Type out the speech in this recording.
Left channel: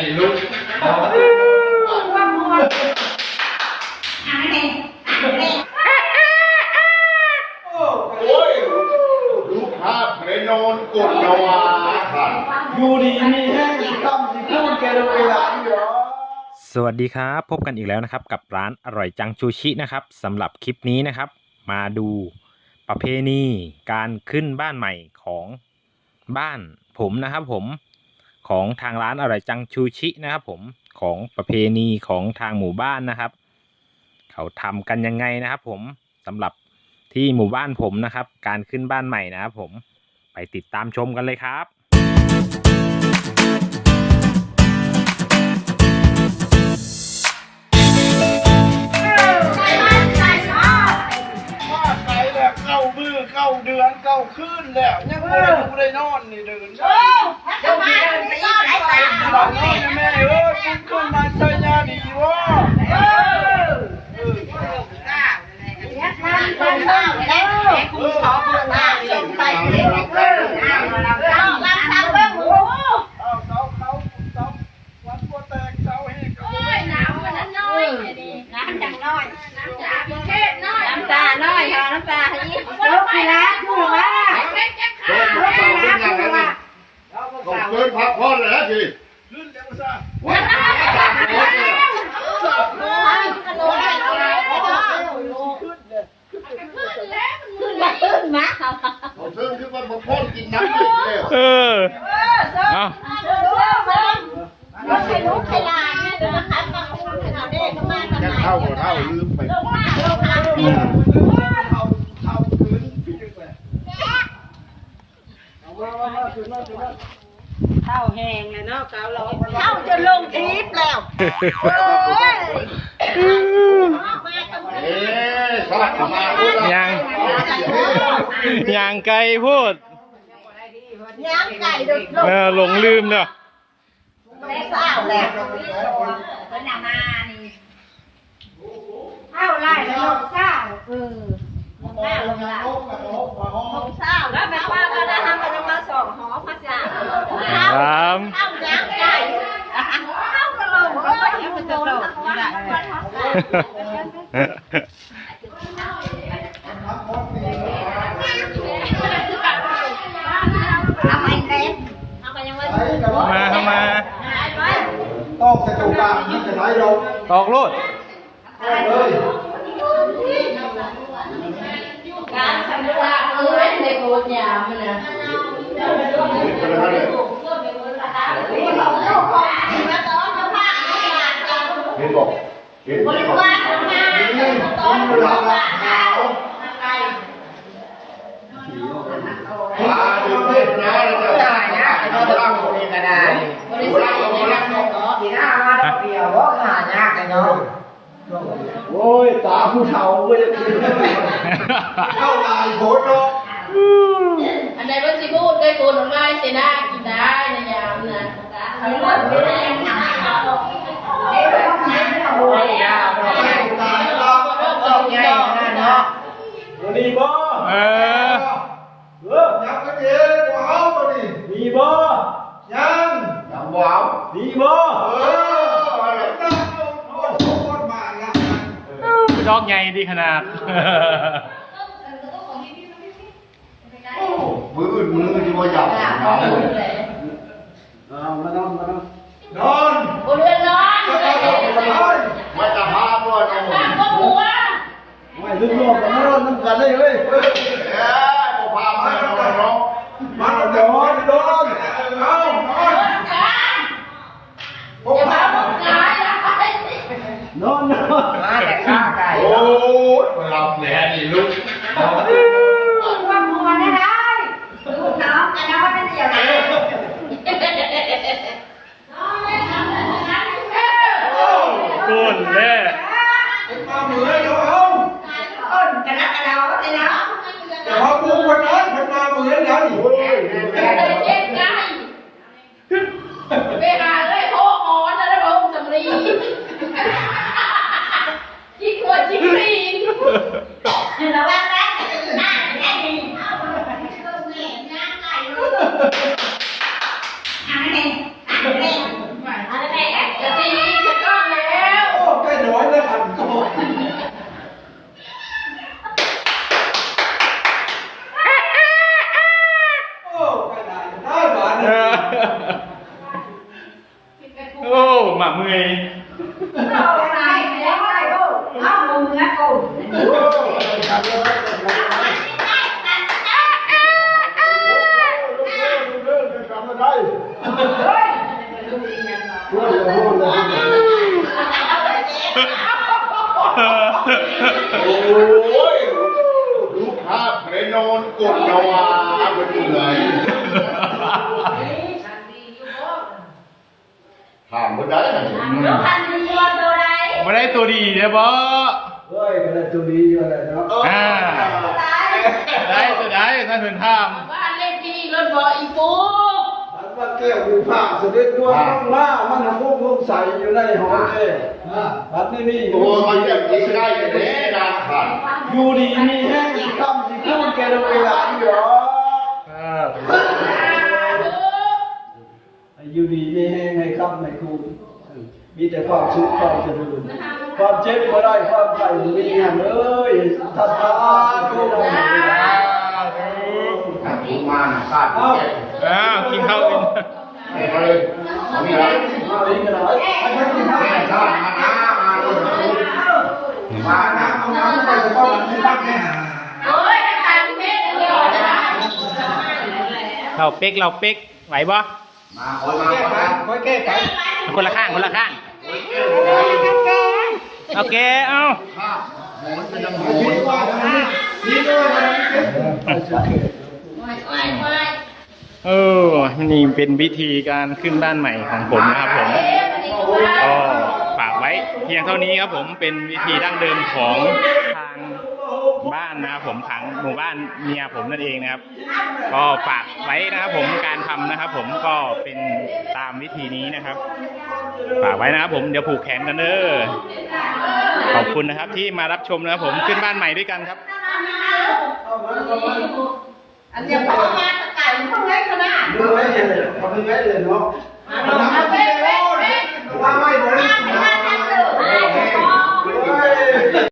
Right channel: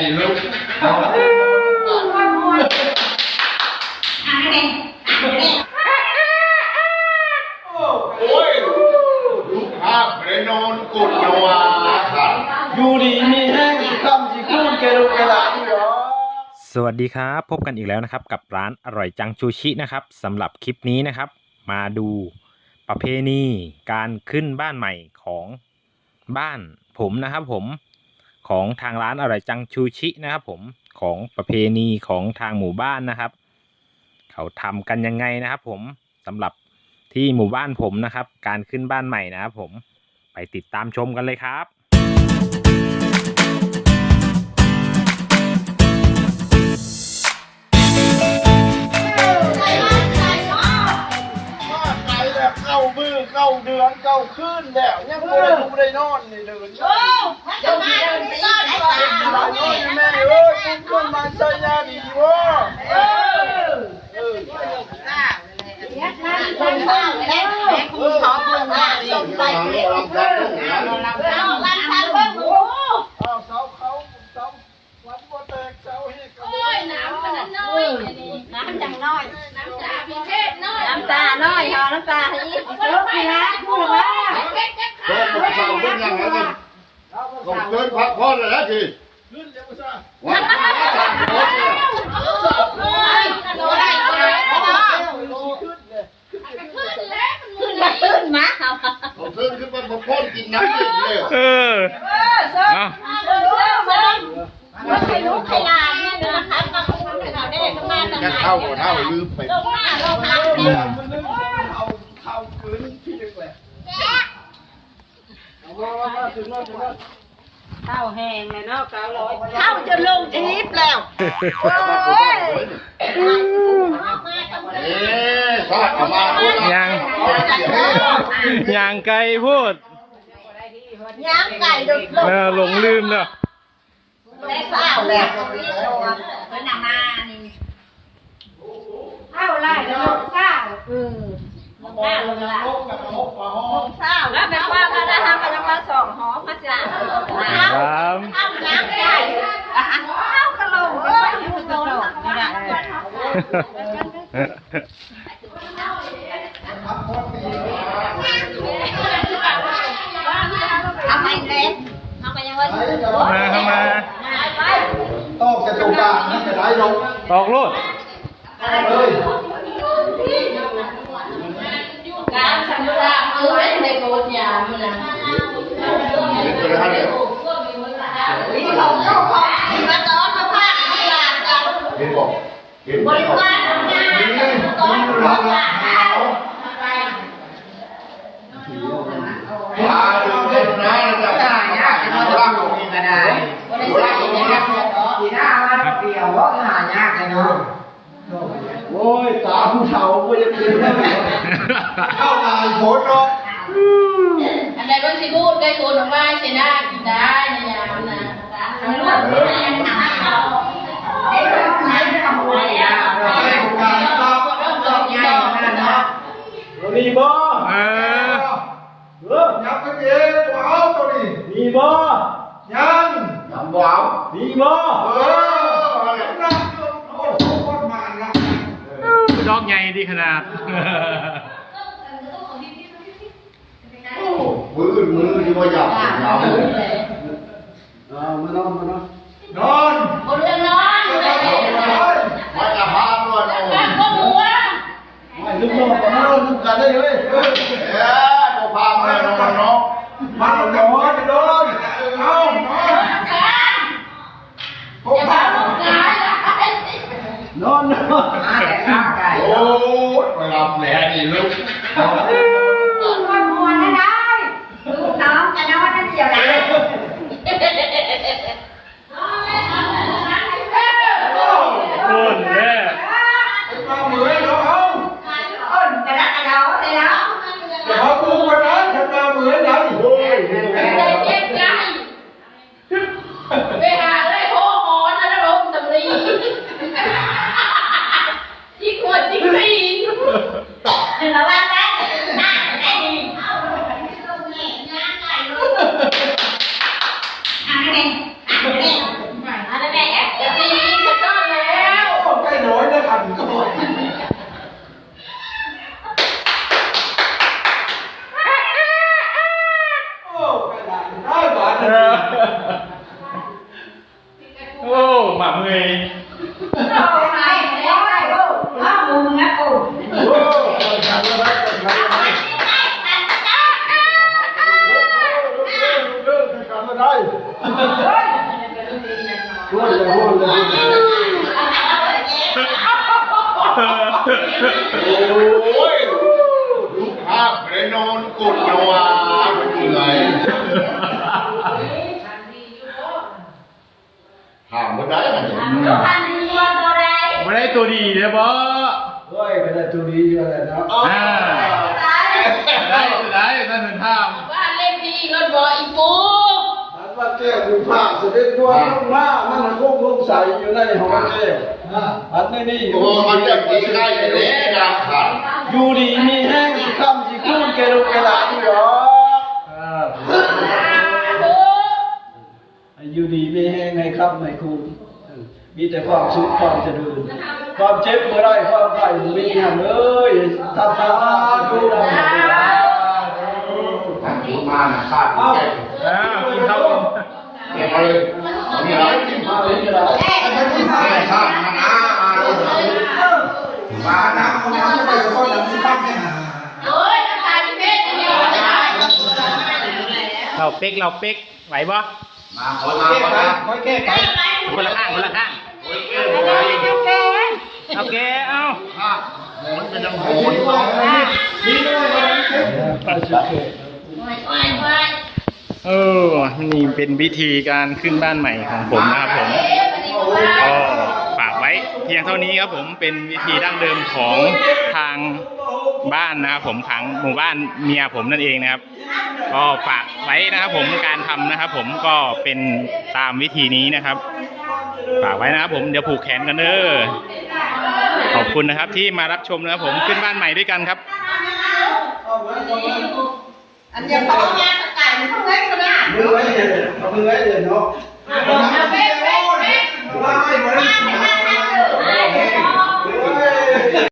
นี่ลูกโอ้ยลูกภาพเรนอนกดนวาขันอยู่ดีมีแห้งสิคำสิคูนแกดูแกหลานอยู่หรอสวัสดีครับ พบกันอีกแล้วนะครับ กับร้านอร่อยจังชูชินะครับสำหรับคลิปนี้นะครับ มาดูประเพณีการขึ้นบ้านใหม่ของบ้านผมนะครับผม ของทางร้านอร่อยจังชูชินะครับ ผมของประเพณีของทางหมู่บ้านนะครับ เขาทำกันยังไงนะครับ ผมสำหรับที่หมู่บ้านผมนะครับ การขึ้นบ้านใหม่นะครับ ผมไปติดตามชมกันเลยครับ มือเข้าเดือนเข้าคืนแล้วยังไม่ได้ดูได้นอนนี่เดินเจ้าที่เดินไปยังไงบอกนอนแม่เอ้ยคุณคนมาใช้ยาดีวะเออเออเอาเสาเขาเสาวัดบัวแตกเสาเฮกเอาไว้ น้ำจังน้อยน้ำตาน้อยค่ะน้ำตาให้ยิ้มลูกพี่นะพูดว่า เดินมาเสาเป็นยังไงนี่ต้อง เดินพักผ่อนเลยนะทีขึ้นเดี๋ยวมาซ่าว้าวสามรถเลยขึ้นมาขึ้นมาผมเพิ่งขึ้นมาผมพ่นกินน้ำเย็นเลยเออเอาลูกใครลูกใครลานเนี่ยนะคะมาคุ้มเขาได้ก็มาตั้งจะนานเข้าหัวเท่าลืมไปลงมาลงมาเนี่ยเอาเอาพื้นที่นึงเลยเอามามามาถึงแล้วถึงแล้ว เข้าแหงเลยเนาะเการ้อยเข้าจนลงทิพย์แล้วเอ๊ะชาติเอามาพูดยังยังไกลพูดย่างไก่ดุดลงเออหลงลืมเนาะไม่เศร้าแล้วเป็นนานานี่เข้าไล่แล้วเศร้าเออ ลงมาลงลงแล้วก็ลงมาห้องเศร้าแล้วแม่ว่าก็ได้ทำกันมาสองหอพระจ่าครับเข้าน้ำไก่ข้ากระโหลกเลยอยู่กระโหลกนี่แหละเอาไปเล็กเอาไปยังไงมาเข้ามาตอกจะตรงกลางนั่นจะได้ลงตอกโลดเลย การทำว่าเออ เล่นในโบสถ์ยามนะนี่ของลูกของมาต้อนมาพาลู กหลานเราเห็นบอกเห็นบริวารทำงานต้อนลูกหลานเรามาดูเล่นนะจะได้นะจะร่างตรงนี้ก็ได้บริษัทนะครับโอ้ยตาผู้เฒ่าก็จะกินเข้าลายโคตรเนาะอันใดว่าสิพูดได้โกนว่าเสนากินได้ในยามนะทำรวดไม่ได้ยังทำเอาไอ้เรื่องนั้นไม่ทำอะไรอะไอ้เรื่องตอกใหญ่นะตัวนี้บ่เออเออยับกันเองบ่เอาตัวนี้มีบ่ยังทำว้าวมีบ่เออน้ำลงโอ้โหโคตรมาละดอกใหญ่ดีขนาด มือมือที่ว่าหยับเนาะเอามานอนมานอนนอนบนเรือนนอนเลยไม่จะพาด้วยน้องบ้านก็หัวไม่ลืมนอนมานอนน้ำกันได้เว้ยเอ๊ะกูพาแม่น้องน้องมานอนนอนนอนเอานอนอย่ามาบุกงานนะนอนนอนโอ้ยหลับแล้วนี่ลูก เวลาได้พ่อหมอนนะได้บอกสำลีจิกหัวจิกตีนเดี๋ยวเราว่าแป๊บหน้าได้ดีเอาลงเงี้ยง่ายเลยอ่านได้อ่านได้อ่านได้เดี๋ยวตีจะก้อนแล้วโอ้ใกล้น้อยนะครับก็พอโอ้กระดานได้หวานเลย มาเมย์โอ้ยลูกค้าเรนอนกดนวาเป็นยังไถามก็ได้นะเนี่ยมาได้ตัวดีเลยบ่เฮ้ยก็ได้จุดีอยู่แล้วเนาะอ่าได้จะได้ท่านเป็นท่ามบ้านเลขที่รถบออีปูอันว่าแก้วอยู่ผ้าเสด็จตัวต้องมามันคงลงใส่อยู่ในหอแก้วอันนี้นี่โอ้มันจะตีได้เลยงานขาดอยู่ดีมีแห้งสิคำสิคูนแกลงเวลาอยู่หรอ แห้งให้คำให้คูนมีแต่ความสุขความเจริญ ความเจ็บบ่ได้ความไข้บ่มีหยังเลยทำมาอาดูได้เวลามันถูกมานะขาดเอ้าอ้าวกินข้าวเก็บมาเลยนี่นะเอาเลยก็ได้แม่ชาติมานะมาเลยมานะเอาน้ำไปสะก้อนน้ำตั้งแน่โอ้ยตาพี่เพชรเดียวจะได้เราเป๊กเราเป๊กไหวบ่ มาขอมาขอมาค่อแก้ไขคนละข้างคนละข้างโอเคเอาข้าโหนมันยังหคินดว่านี่ด้วยนไปสุดเขตไม่ไม่ไม่เออนี่เป็นวิธีการขึ้นบ้านใหม่ของผมนะครับผมก็ฝากไว้เพียงเท่านี้ครับผมเป็นวิธีดั้งเดิมของ บ้านนะครับผมขังหมู่บ้านเมียผมนั่นเองนะครับ ก็ฝากไว้นะครับผมการทำนะครับ ผมก็เป็นตามวิธีนี้นะครับ ฝากไว้นะครับผมเดี๋ยวผูกแขนกันเด้อขอบคุณนะครับที่มารับชมนะครับผมขึ้นบ้านใหม่ด้วยกันครับเอาไว้เอาไว้อันเดียวเขางานไก่มันต้องเล็กขนาดมือไว้เลยเอามือไว้เลยเนาะเอาไป